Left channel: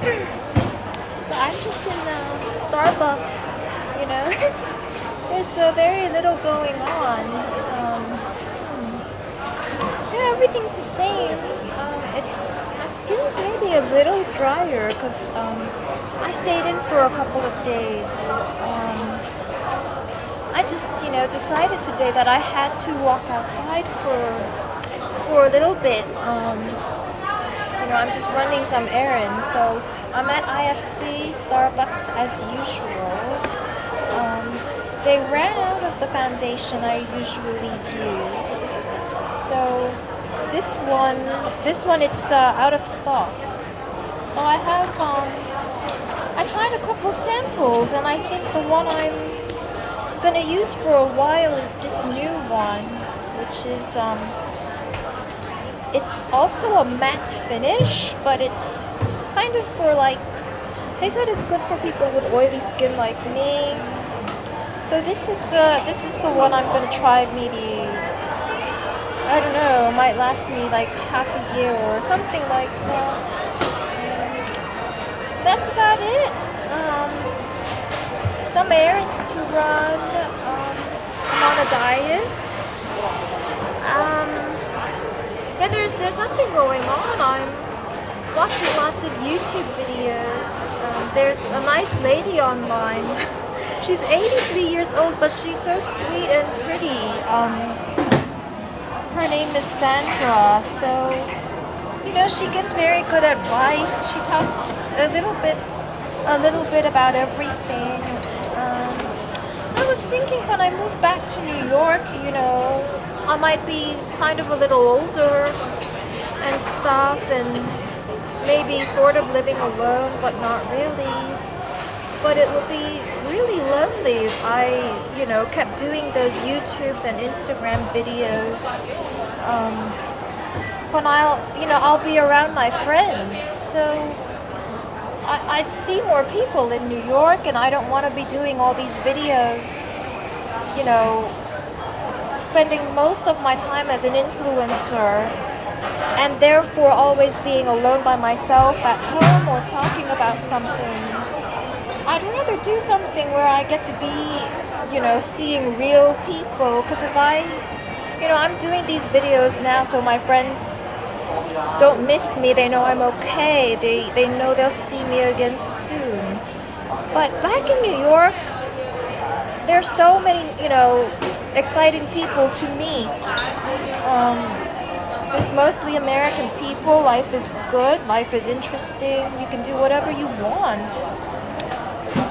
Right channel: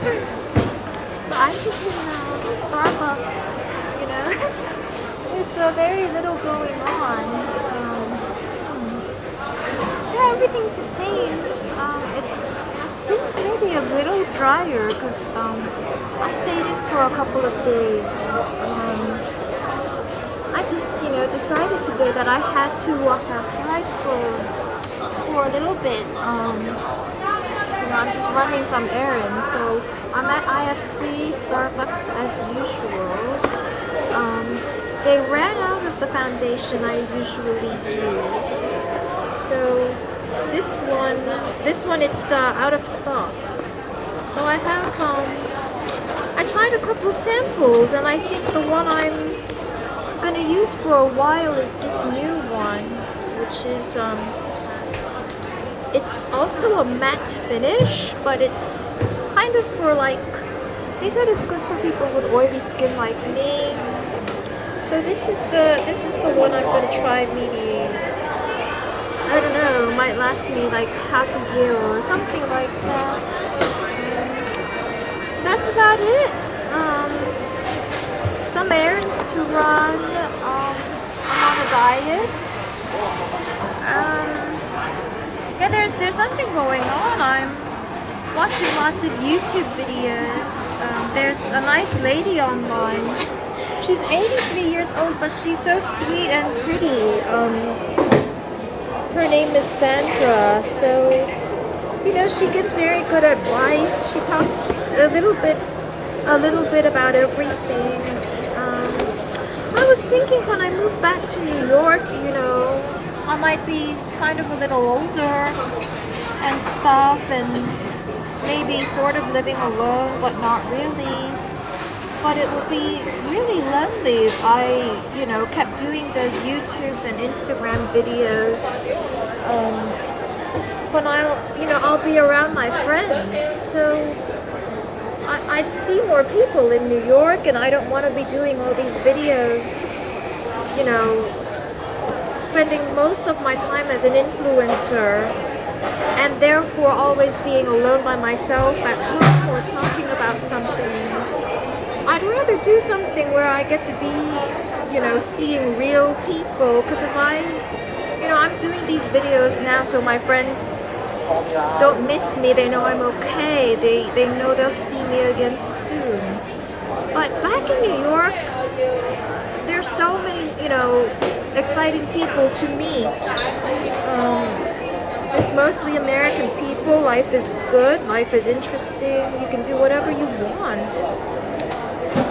So I'm just in Starbucks, you know. There's very little going on. Yeah, everything's the same. It's my skin's maybe a little drier because I stayed in for a couple of days. I just, decided today that I had to walk outside for a little bit. I'm just running some errands, so I'm at IFC, Starbucks as usual. They ran out of the foundation I usually use, so this one it's out of stock. So I tried a couple samples, and I think the one I'm gonna use for a while is this new one, which is it's also a matte finish, but it's kind of for like, they said it's good for people with oily skin like me. So this is the one I'm gonna try. Maybe, I don't know, it might last me like half a year or something like that. That's about it. Some errands to run. I'm on a diet. Yeah, there's nothing going on. I'm watching lots of YouTube videos. There's a nice lady online. She's 83 years old, but she's so sweet and pretty. Her name is Sandra. So, she gives very good advice. She talks a little bit about everything. I was thinking when I move back to New York, I might be kind of a little older and stuff, and maybe sort of living alone, but not really. But it would be really lonely if I, kept doing those YouTubes and Instagram videos. When I'll be around my friends, so I'd see more people in New York, and I don't want to be doing all these videos, spending most of my time as an influencer, and therefore always being alone by myself at home or talking about something. I'd rather do something where I get to be, seeing real people, because if I'm doing these videos now so my friends don't miss me. They know I'm okay. They know they'll see me again soon. But back in New York, there's so many, exciting people to meet. It's mostly American people. Life is good. Life is interesting. You can do whatever you want.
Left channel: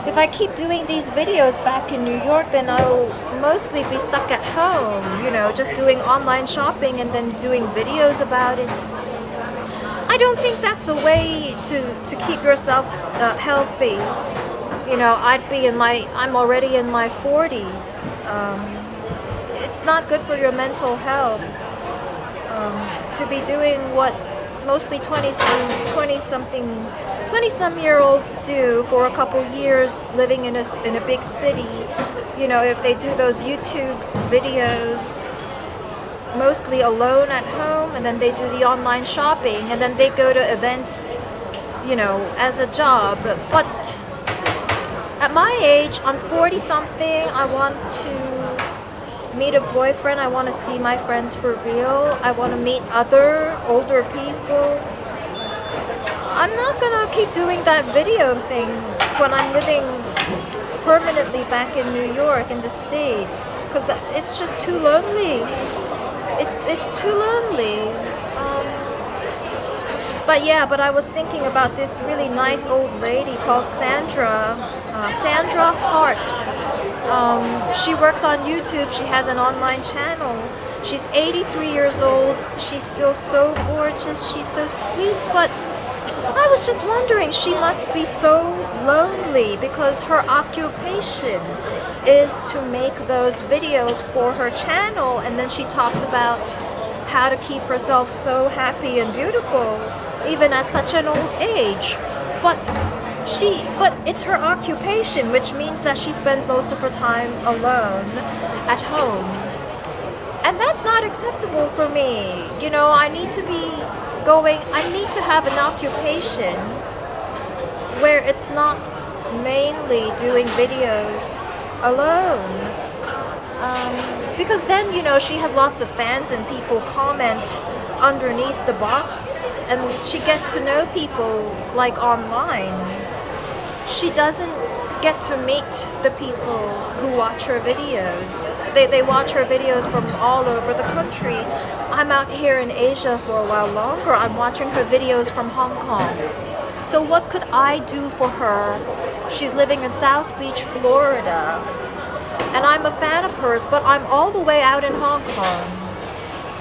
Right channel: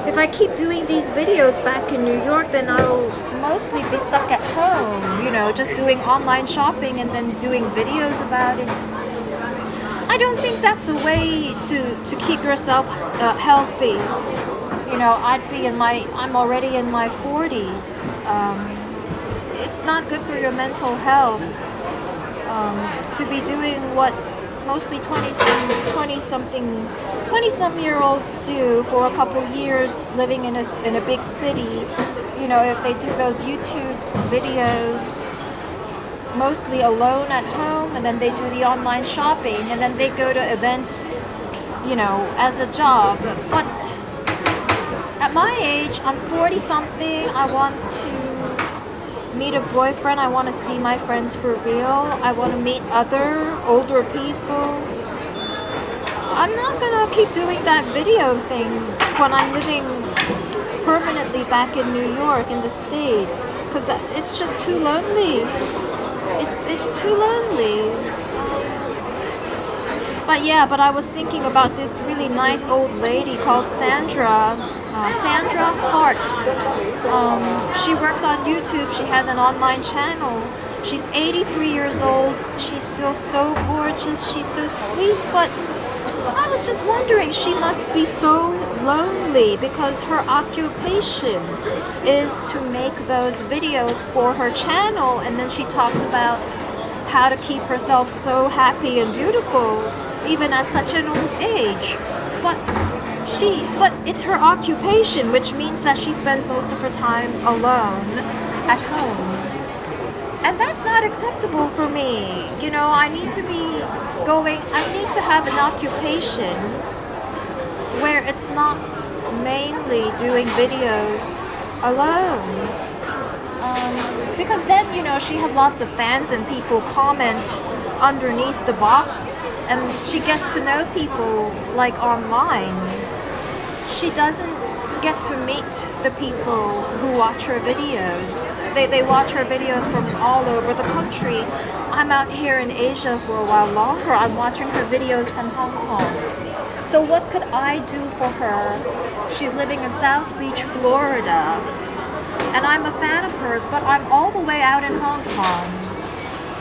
If I keep doing these videos back in New York, then I'll mostly be stuck at home, just doing online shopping and then doing videos about it. I don't think that's a way to keep yourself healthy. I'm already in my 40s. It's not good for your mental health to be doing what mostly 20 some year olds do for a couple years, living in a big city. If they do those YouTube videos mostly alone at home, and then they do the online shopping, and then they go to events, as a job. But at my age, I'm 40 something. I want to meet a boyfriend. I want to see my friends for real. I want to meet other older people. I'm not gonna keep doing that video thing when I'm living permanently back in New York, in the States, because it's just too lonely. It's too lonely. But I was thinking about this really nice old lady called Sandra Hart. She works on YouTube. She has an online channel. She's 83 years old. She's still so gorgeous. She's so sweet, but I was just wondering, she must be so lonely because her occupation is to make those videos for her channel, and then she talks about how to keep herself so happy and beautiful even at such an old age. But it's her occupation, which means that she spends most of her time alone at home. And that's not acceptable for me. I need to have an occupation where it's not mainly doing videos alone. Because then, she has lots of fans and people comment underneath the box and she gets to know people like online. She doesn't get to meet the people who watch her videos. They watch her videos from all over the country. I'm out here in Asia for a while longer. I'm watching her videos from Hong Kong. So what could I do for her? She's living in South Beach, Florida. And I'm a fan of hers, but I'm all the way out in Hong Kong.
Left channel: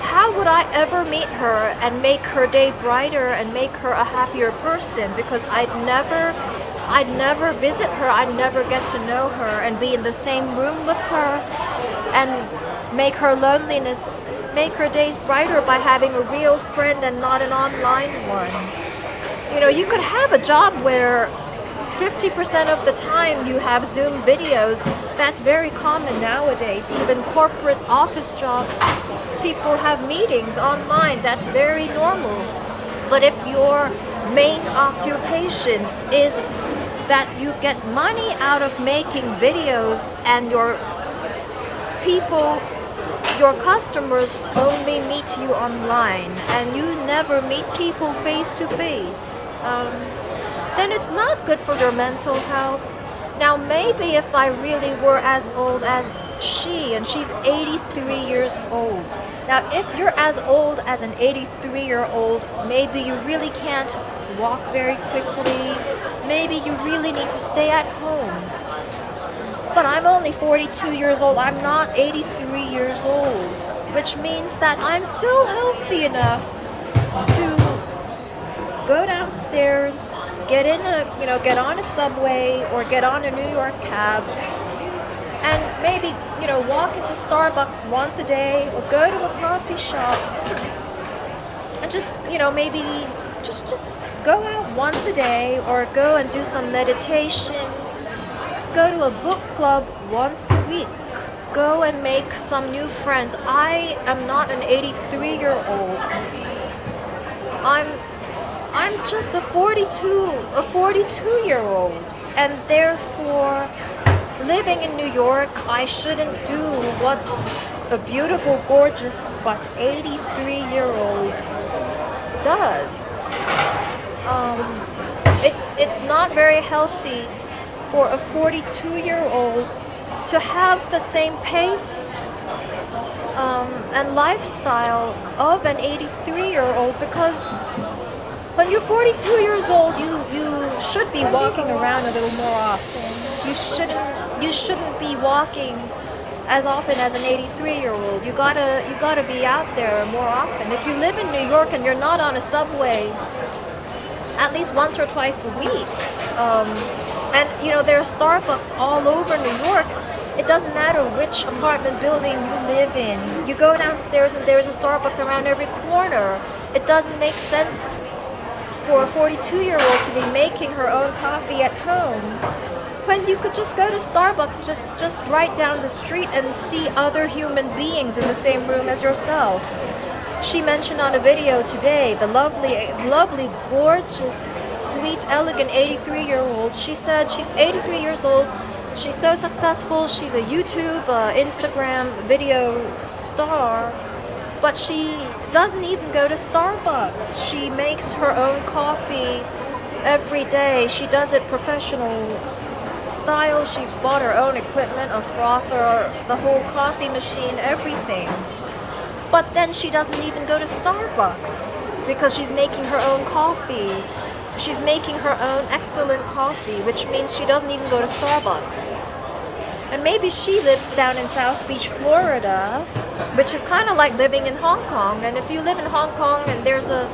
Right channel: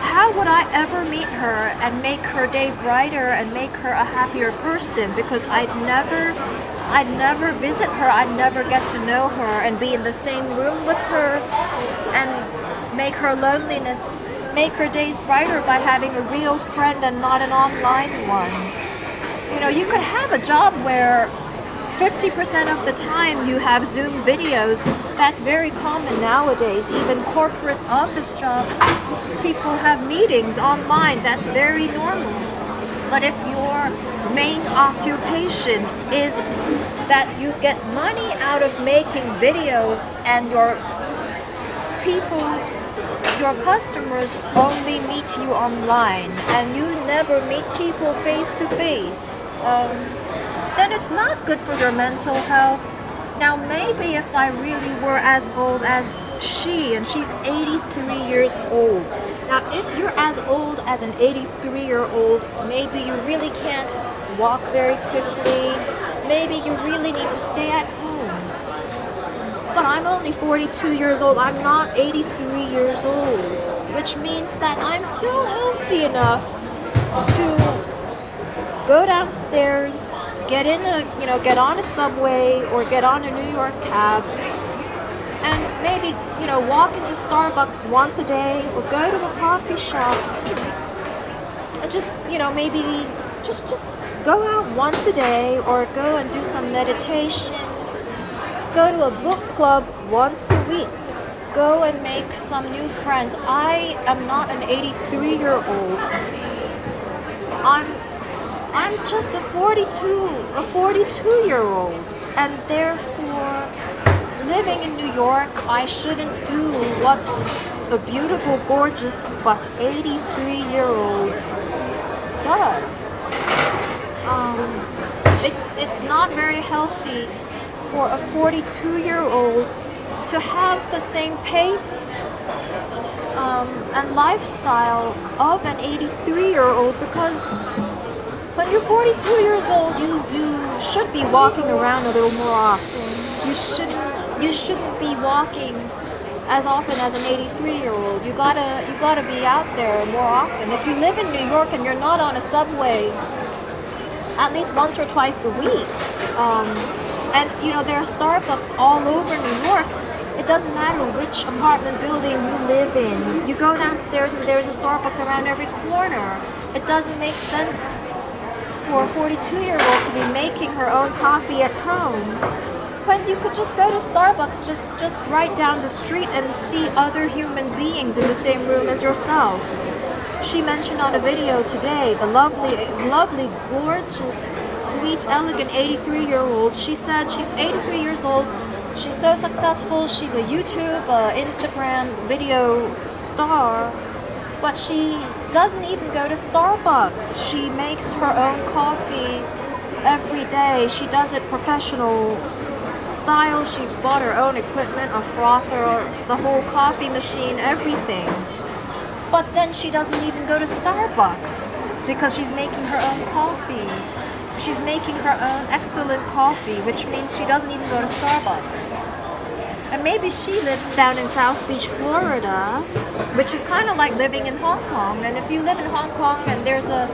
How would I ever meet her and make her day brighter and make her a happier person? Because I'd never visit her, I'd never get to know her and be in the same room with her and make her days brighter by having a real friend and not an online one. You could have a job where 50% of the time you have Zoom videos. That's very common nowadays. Even corporate office jobs, people have meetings online. That's very normal. But if your main occupation is that you get money out of making videos and your customers only meet you online and you never meet people face to face, then it's not good for your mental health. Now, maybe if I really were as old as she, and she's 83 years old. Now, if you're as old as an 83-year-old, maybe you really can't walk very quickly. Maybe you really need to stay at home. But I'm only 42 years old. I'm not 83 years old, which means that I'm still healthy enough to go downstairs, get on a subway or get on a New York cab and maybe, walk into Starbucks once a day or go to a coffee shop and just, maybe just go out once a day or go and do some meditation, go to a book club once a week, go and make some new friends. I am not an 83-year-old. I'm just a 42-year-old, and therefore, living in New York, I shouldn't do what a beautiful, gorgeous, but 83-year-old does. It's not very healthy for a 42-year-old to have the same pace and lifestyle of an 83-year-old, because when you're 42 years old, you should be walking around a little more often. You shouldn't be walking as often as an 83-year-old. You gotta be out there more often. If you live in New York and you're not on a subway at least once or twice a week, and there are Starbucks all over New York. It doesn't matter which apartment building you live in. You go downstairs and there's a Starbucks around every corner. It doesn't make sense for a 42-year-old to be making her own coffee at home when you could just go to Starbucks just right down the street and see other human beings in the same room as yourself. She mentioned on a video today the lovely, gorgeous, sweet, elegant 83-year-old. She said she's 83 years old. She's so successful. She's a YouTube, Instagram video star. But she doesn't even go to Starbucks. She makes her own coffee every day. She does it professional style. She bought her own equipment, a frother, the whole coffee machine, everything. But then she doesn't even go to Starbucks because she's making her own coffee. She's making her own excellent coffee, which means she doesn't even go to Starbucks. And maybe she lives down in South Beach, Florida, which is kind of like living in Hong Kong. And if you live in Hong Kong and there's a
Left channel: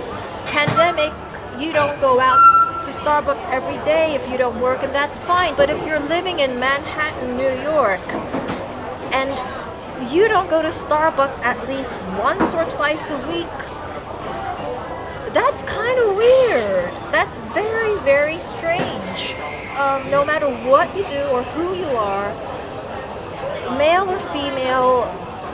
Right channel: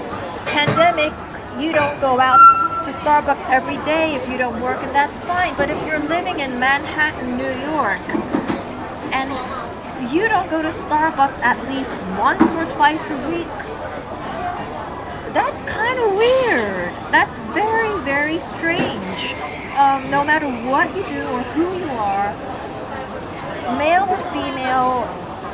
pandemic, you don't go out to Starbucks every day if you don't work, and that's fine. But if you're living in Manhattan, New York, and you don't go to Starbucks at least once or twice a week, that's kind of weird. That's very, very strange. No matter what you do or who you are, male or female,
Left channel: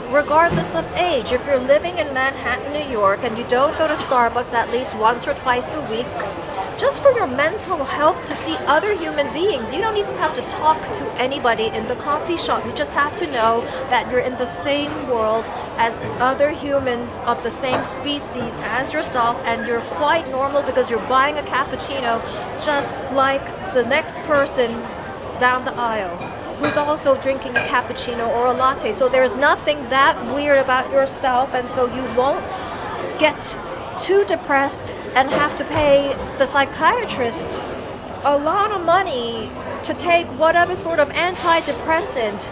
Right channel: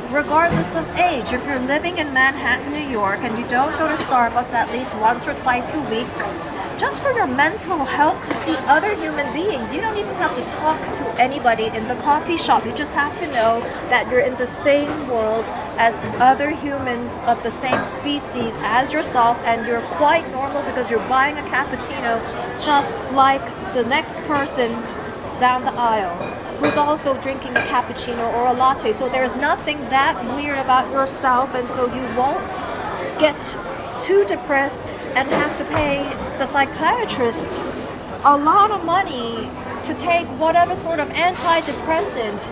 regardless of age, if you're living in Manhattan, New York, and you don't go to Starbucks at least once or twice a week, just for your mental health to see other human beings. You don't even have to talk to anybody in the coffee shop. You just have to know that you're in the same world as other humans of the same species as yourself, and you're quite normal because you're buying a cappuccino just like the next person down the aisle who's also drinking a cappuccino or a latte. So there's nothing that weird about yourself, and so you won't get too depressed and have to pay the psychiatrist a lot of money to take whatever sort of antidepressant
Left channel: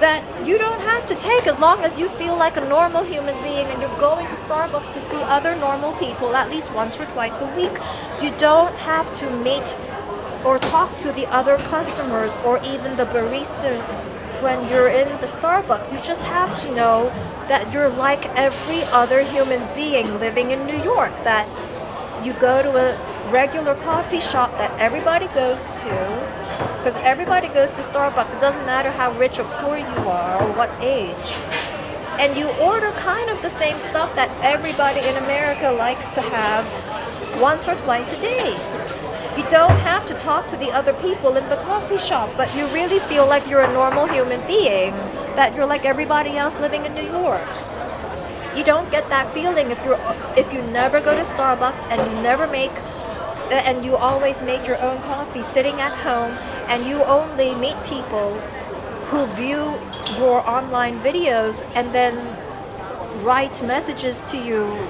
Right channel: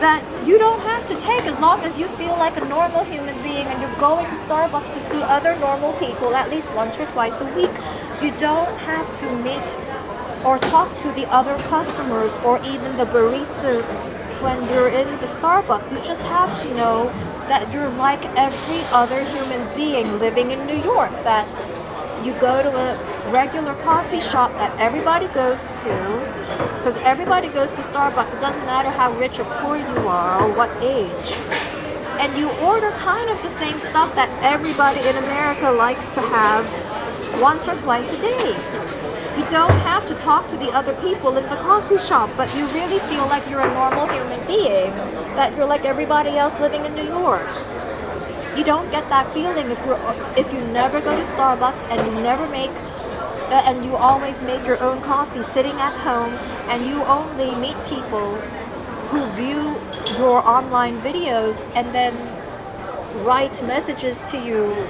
that you don't have to take, as long as you feel like a normal human being and you're going to Starbucks to see other normal people at least once or twice a week. You don't have to meet or talk to the other customers or even the baristas when you're in the Starbucks. You just have to know that you're like every other human being living in New York, that you go to a regular coffee shop that everybody goes to, because everybody goes to Starbucks. It doesn't matter how rich or poor you are or what age. And you order kind of the same stuff that everybody in America likes to have once or twice a day. You don't have to talk to the other people in the coffee shop, but you really feel like you're a normal human being, that you're like everybody else living in New York. You don't get that feeling if you never go to Starbucks and you always make your own coffee sitting at home, and you only meet people who view your online videos and then write messages to you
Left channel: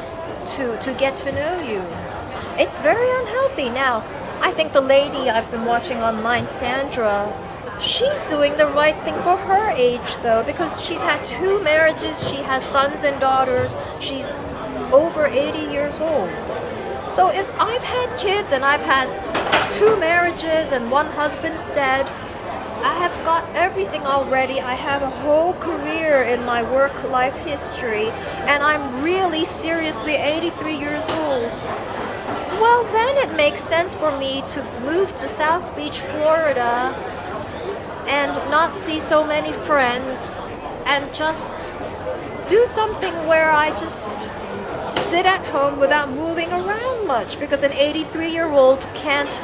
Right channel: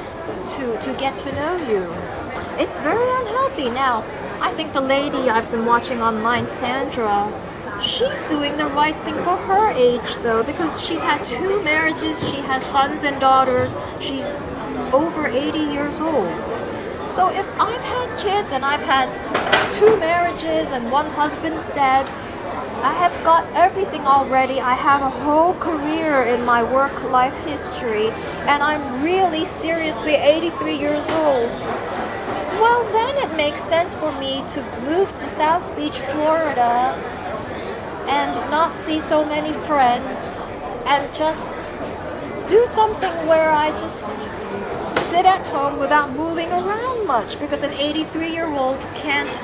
to get to know you. It's very unhealthy. Now, I think the lady I've been watching online, Sandra, she's doing the right thing for her age, though, because she's had 2 marriages, she has sons and daughters, she's over 80 years old. So if I've had kids and I've had 2 marriages and 1 husband's dead, I have got everything already. I have a whole career in my work life history, and I'm really seriously 83 years old. Well, then it makes sense for me to move to South Beach, Florida, and not see so many friends, and just do something where I just sit at home without moving around much, because an 83-year-old can't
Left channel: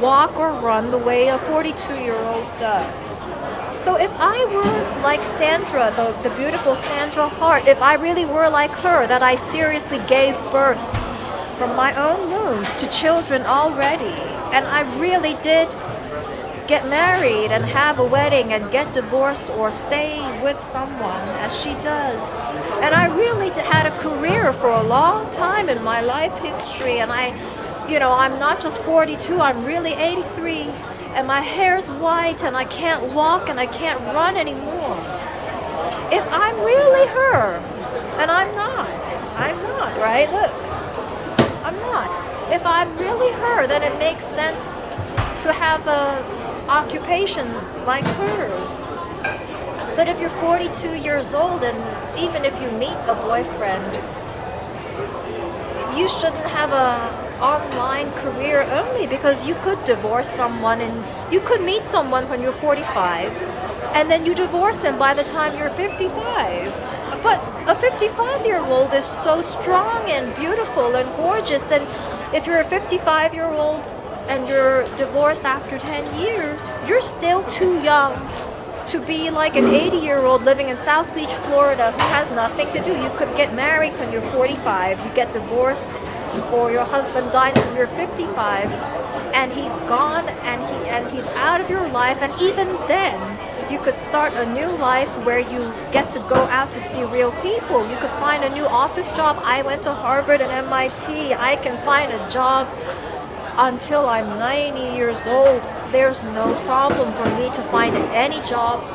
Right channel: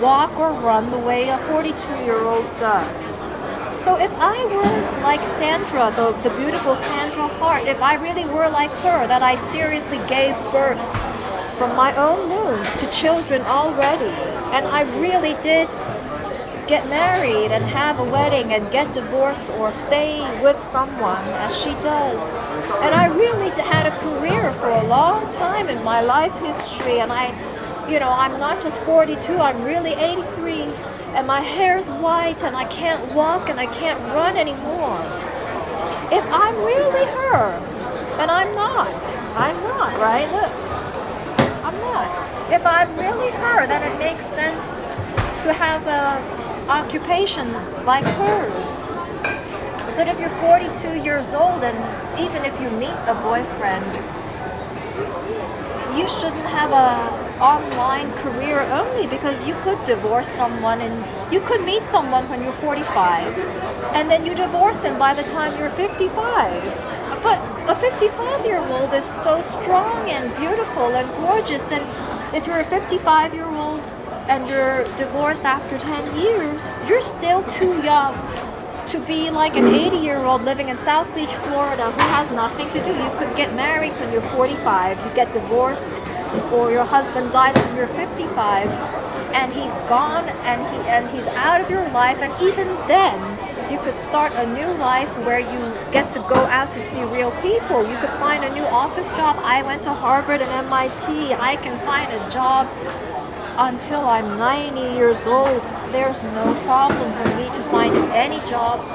walk or run the way a 42-year-old does. So if I were like Sandra, the beautiful Sandra Hart, if I really were like her, that I seriously gave birth from my own womb to children already, and I really did get married and have a wedding and get divorced or stay with someone as she does, and I really had a career for a long time in my life history, and I'm not just 42, I'm really 83, and my hair's white and I can't walk and I can't run anymore. If I'm really her, and I'm not, right? Look, I'm not. If I'm really her, then it makes sense to have a occupation like hers. But if you're 42 years old, and even if you meet a boyfriend, you shouldn't have a online career only, because you could divorce someone and you could meet someone when you're 45 and then you divorce him by the time you're 55. But a 55-year-old is so strong and beautiful and gorgeous, and if you're a 55-year-old and you're divorced after 10 years, you're still too young to be like an 80-year-old living in South Beach, Florida, who has nothing to do. You could get married when you're 45, you get divorced, or your husband dies when you're 55, and he's gone and he's out of your life, and even then you could start a new life where you get to go out to see real people. You could find a new office job. I went to Harvard and MIT. I can find a job until I'm 90 years old. There's no problem for me to find any job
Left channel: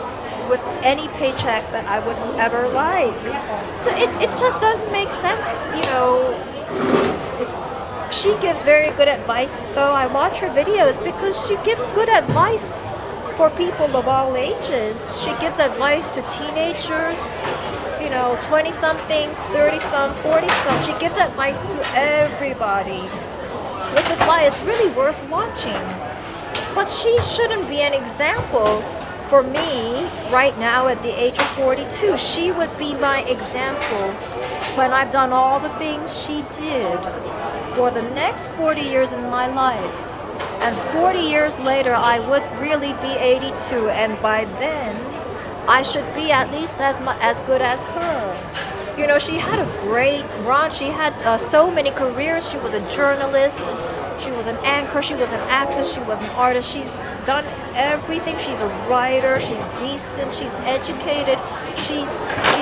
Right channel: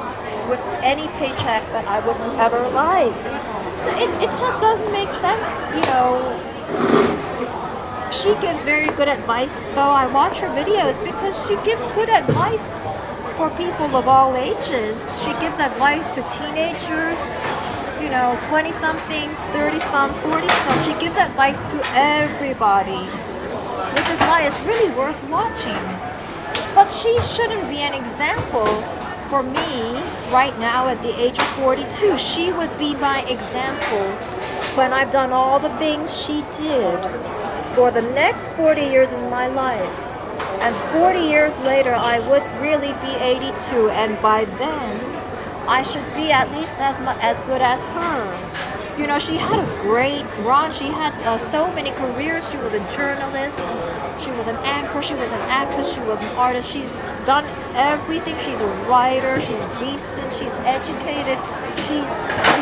with any paycheck that I wouldn't ever like. So it just doesn't make sense, She gives very good advice, though. I watch her videos because she gives good advice for people of all ages. She gives advice to teenagers, 20-somethings, 30-some, 40-some. She gives advice to everybody, which is why it's really worth watching. But she shouldn't be an example for me right now at the age of 42. She would be my example when I've done all the things she did. for the next 40 years in my life. And 40 years later, I would really be 82. And by then, I should be at least as good as her. You know, she had a great run. She had so many careers. She was a journalist. She was an anchor. She was an actress. She was an artist. She's done everything. She's a writer. She's decent. She's educated. She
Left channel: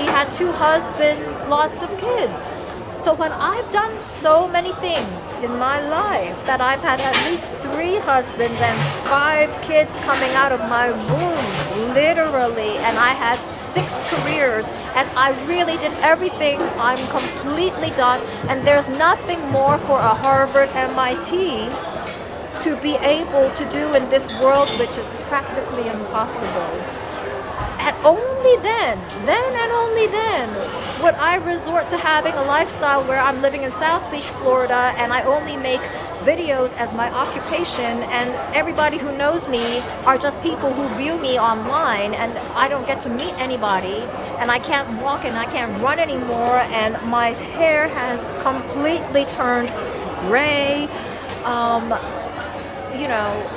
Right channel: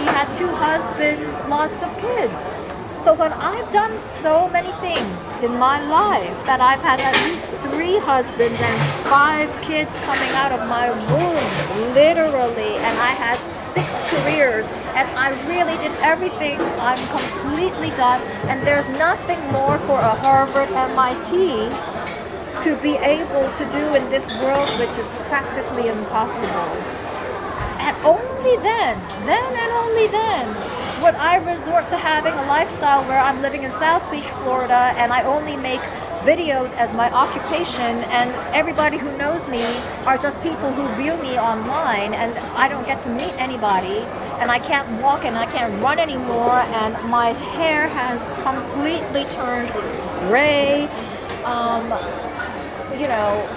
had 2 husbands, lots of kids. So when I've done so many things in my life, that I've had at least 3 husbands and 5 kids coming out of my womb, literally, and I had 6 careers, and I really did everything, I'm completely done, and there's nothing more for a Harvard MIT to be able to do in this world, which is practically impossible. And only then and only then, would I resort to having a lifestyle where I'm living in South Beach, Florida, and I only make videos as my occupation, and everybody who knows me are just people who view me online, and I don't get to meet anybody, and I can't walk and I can't run anymore, and my hair has completely turned gray. You know,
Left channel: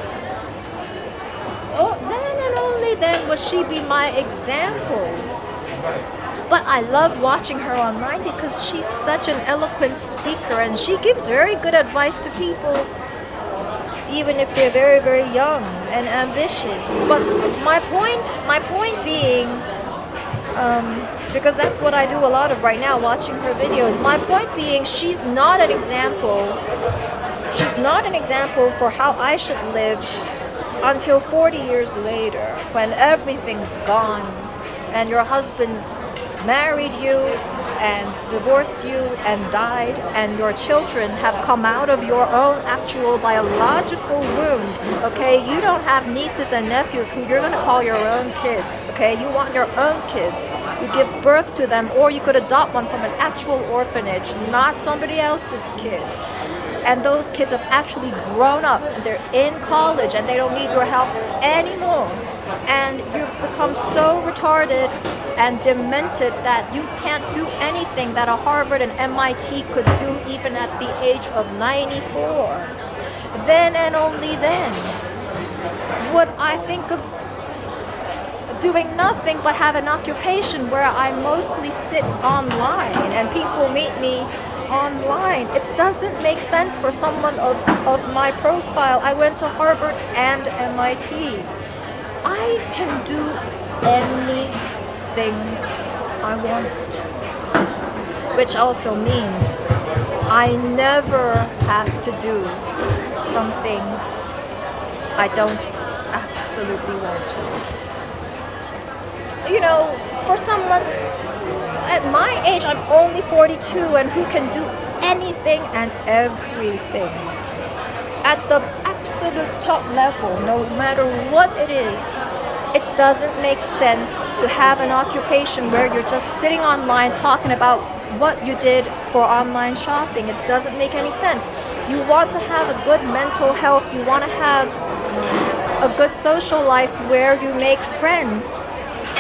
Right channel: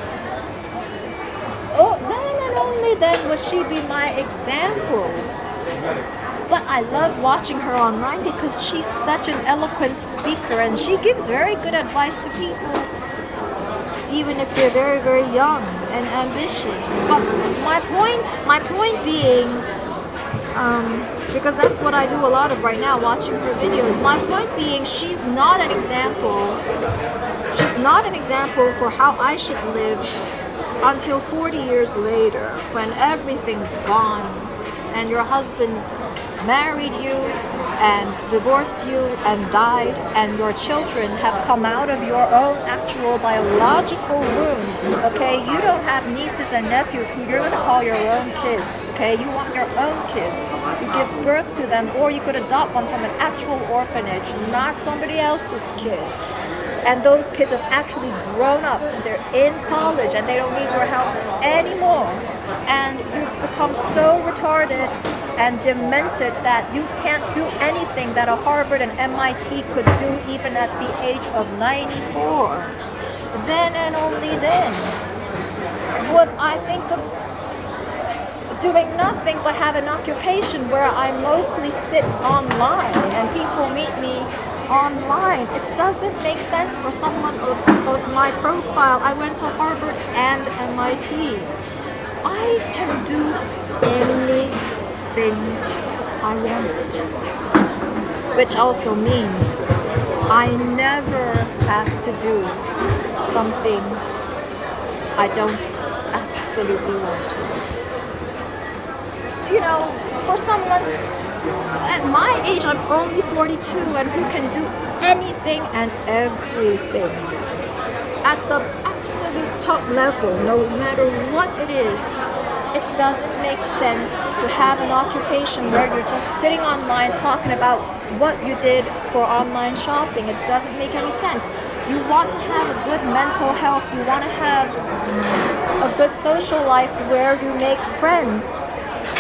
oh, then and only then would she be my example. But I love watching her online because she's such an eloquent speaker, and she gives very good advice to people, even if they're very, very young and ambitious. But my point being, because that's what I do a lot of right now, watching her videos. My point being, she's not an example. She's not an example for how I should live until 40 years later, when everything's gone and your husband's married you and divorced you and died, and your children have come out of your own actual biological womb. Okay, you don't have nieces and nephews who you're going to call your own kids. Okay, you want your own kids. You give birth to them, or you could adopt one from an actual orphanage, not somebody else's kid. And those kids have actually grown up, and they're in college, and they don't need your help anymore. And you've become so retarded and demented that you can't do anything that a Harvard and MIT could do even at the age of 94. Then and only then would I think of doing nothing but have an occupation where I mostly sit online and people meet me online. It doesn't make sense for someone of my profile. I went to Harvard and MIT. I can do anything I want, which also means I never have to do something I don't absolutely want. You know, for someone at my age, I'm only 42, and who can do anything and everything at the absolute top level, no matter what it is. It doesn't make sense to have an occupation where you're just sitting online talking about what you did for online shopping. It doesn't make any sense. You want to have a good mental health. You want to have a good social life where you make friends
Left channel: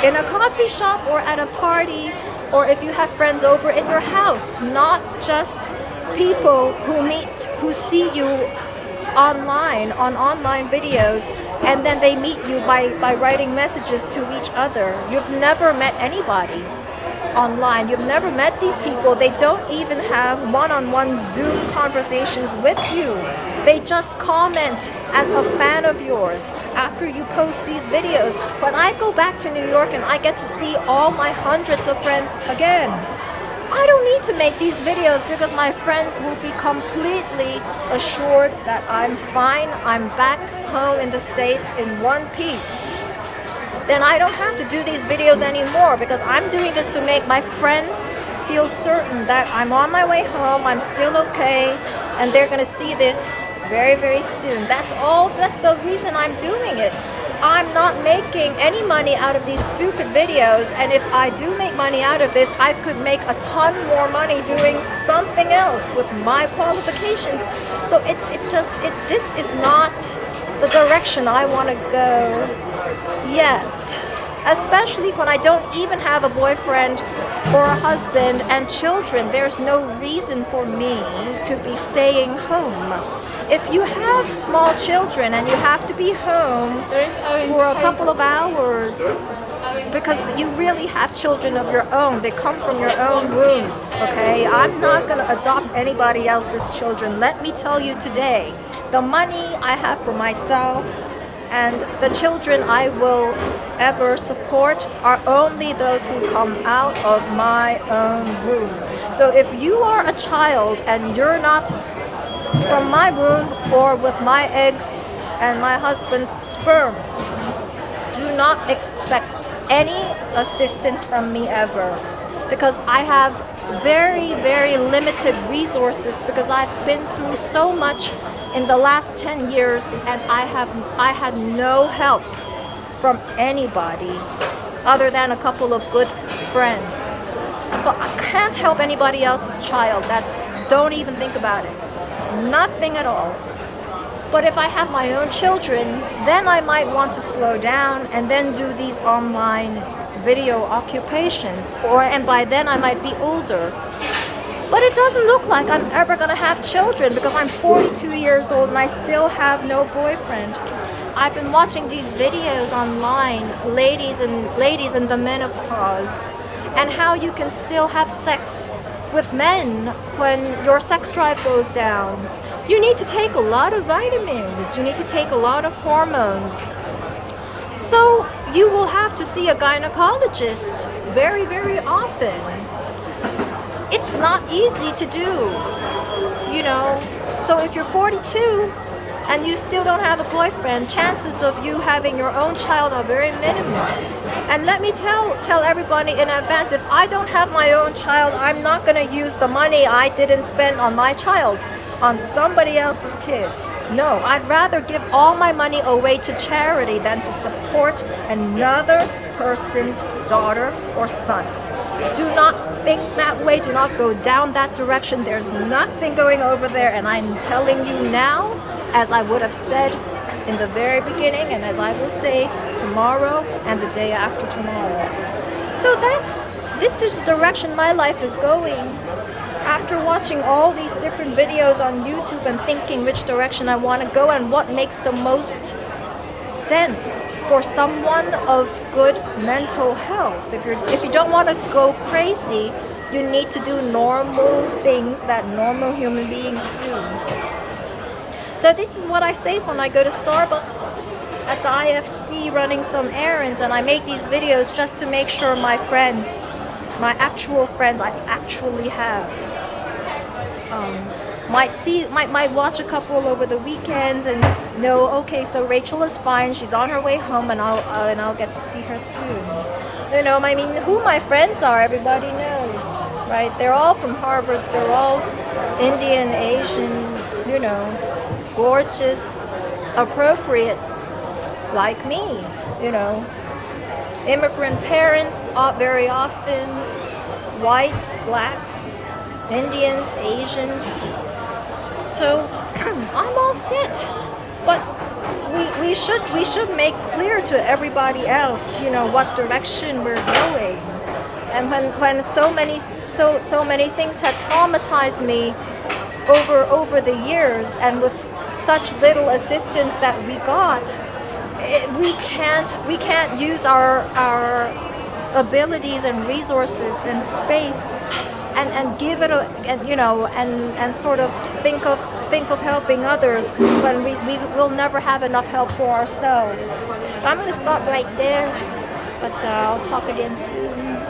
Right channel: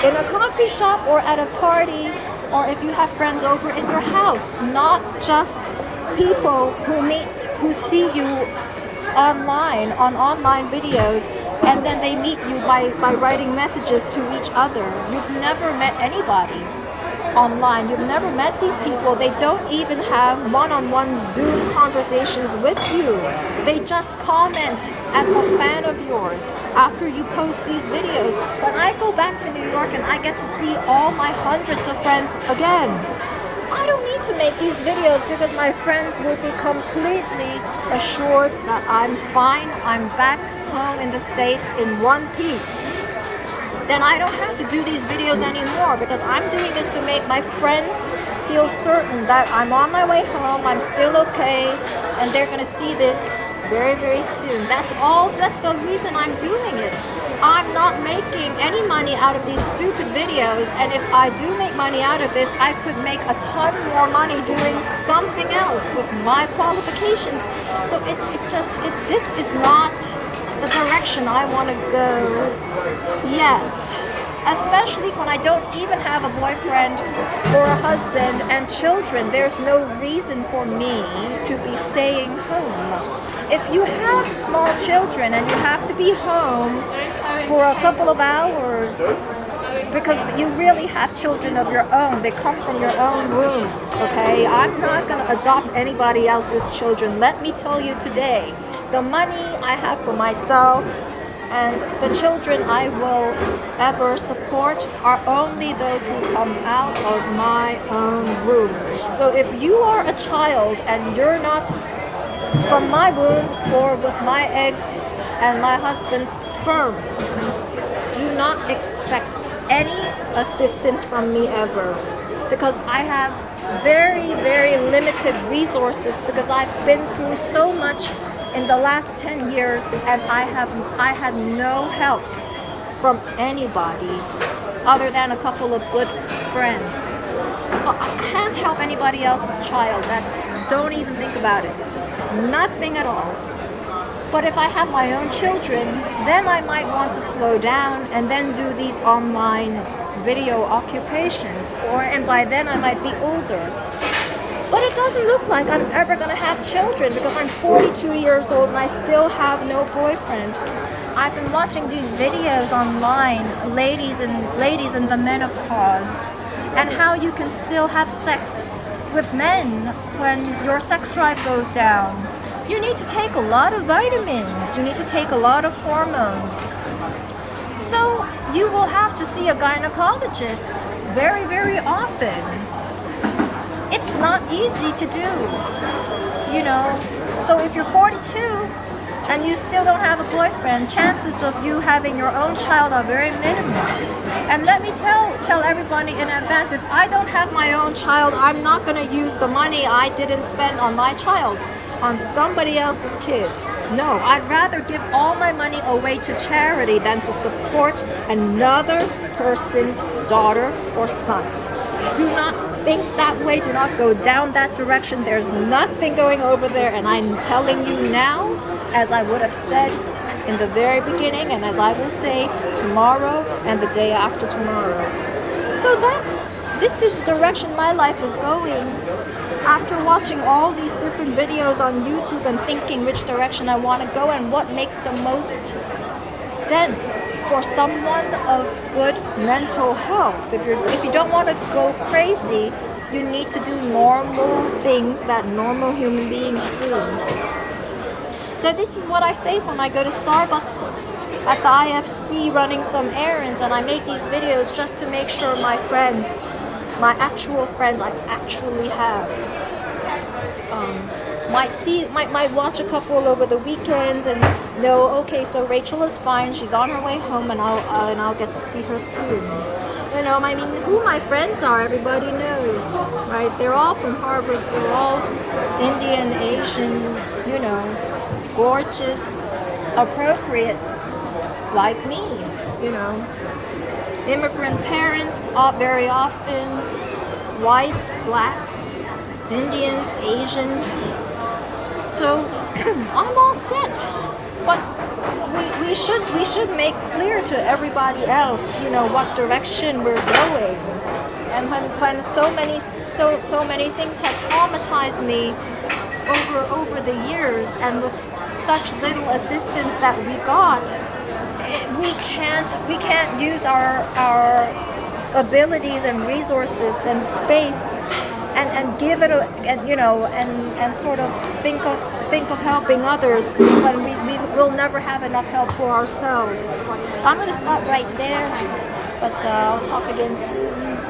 in a coffee shop or at a party, or if you have friends over in your house, not just people who see you online on online videos, and then they meet you by writing messages to each other. You've never met anybody online. You've never met these people. They don't even have one-on-one Zoom conversations with you. They just comment as a fan of yours after you post these videos. When I go back to New York and I get to see all my hundreds of friends again, I don't need to make these videos because my friends will be completely assured that I'm fine. I'm back home in the States in one piece. Then I don't have to do these videos anymore because I'm doing this to make my friends feel certain that I'm on my way home, I'm still okay, and they're going to see this very, very soon. That's all. That's the reason I'm doing it. I'm not making any money out of these stupid videos, and if I do make money out of this, I could make a ton more money doing something else with my qualifications. So this is not the direction I want to go yet. especially when I don't even have a boyfriend or a husband and children. There's no reason for me to be staying home. If you have small children and you have to be home for a couple of hours because you really have children of your own, they come from your own womb, okay? I'm not going to adopt anybody else's children. Let me tell you today, the money I have for myself and the children I will ever support are only those who come out of my own womb. So if you are a child and you're not from my womb or with my eggs and my husband's sperm, do not expect any assistance from me ever, because I have very, very limited resources, because I've been through so much in the last 10 years and I had no help from anybody other than a couple of good friends. So I can't help anybody else's child. Don't even think about it. Nothing at all. But if I have my own children, then I might want to slow down and then do these online video occupations, and by then I might be older. But it doesn't look like I'm ever gonna have children, because I'm 42 years old and I still have no boyfriend. I've been watching these videos online, ladies in the menopause, and how you can still have sex with men when your sex drive goes down. You need to take a lot of vitamins. You need to take a lot of hormones. So you will have to see a gynecologist very, very often. It's not easy to do, you know. So if you're 42 and you still don't have a boyfriend, chances of you having your own child are very minimal. And let me tell everybody in advance, if I don't have my own child, I'm not going to use the money I didn't spend on my child on somebody else's kid. No, I'd rather give all my money away to charity than to support another person's daughter or son. Do not think that way. Do not go down that direction. There's nothing going over there, and I'm telling you now, as I would have said in the very beginning, and as I will say tomorrow and the day after tomorrow. So this is the direction my life is going. After watching all these different videos on YouTube and thinking which direction I want to go and what makes the most sense for someone of good mental health. If you don't want to go crazy, you need to do normal things that normal human beings do. So this is what I say when I go to Starbucks at the IFC running some errands, and I make these videos just to make sure my friends, my actual friends I actually have, might watch a couple over the weekends and know, okay, so Rachel is fine, she's on her way home, and I'll get to see her soon. You know, I mean, who my friends are, everybody knows, right? They're all from Harvard, they're all Indian, Asian, you know, gorgeous, appropriate, like me, you know. Immigrant parents, very often, whites, blacks, Indians, Asians. So I'm all set. But we should make clear to everybody else, you know, what direction we're going. And when so many things have traumatized me over the years, and with such little assistance that we got, we can't use our abilities and resources and space and give it and sort of think of helping others when we will never have enough help for ourselves. I'm going to stop right there, but I'll talk again soon.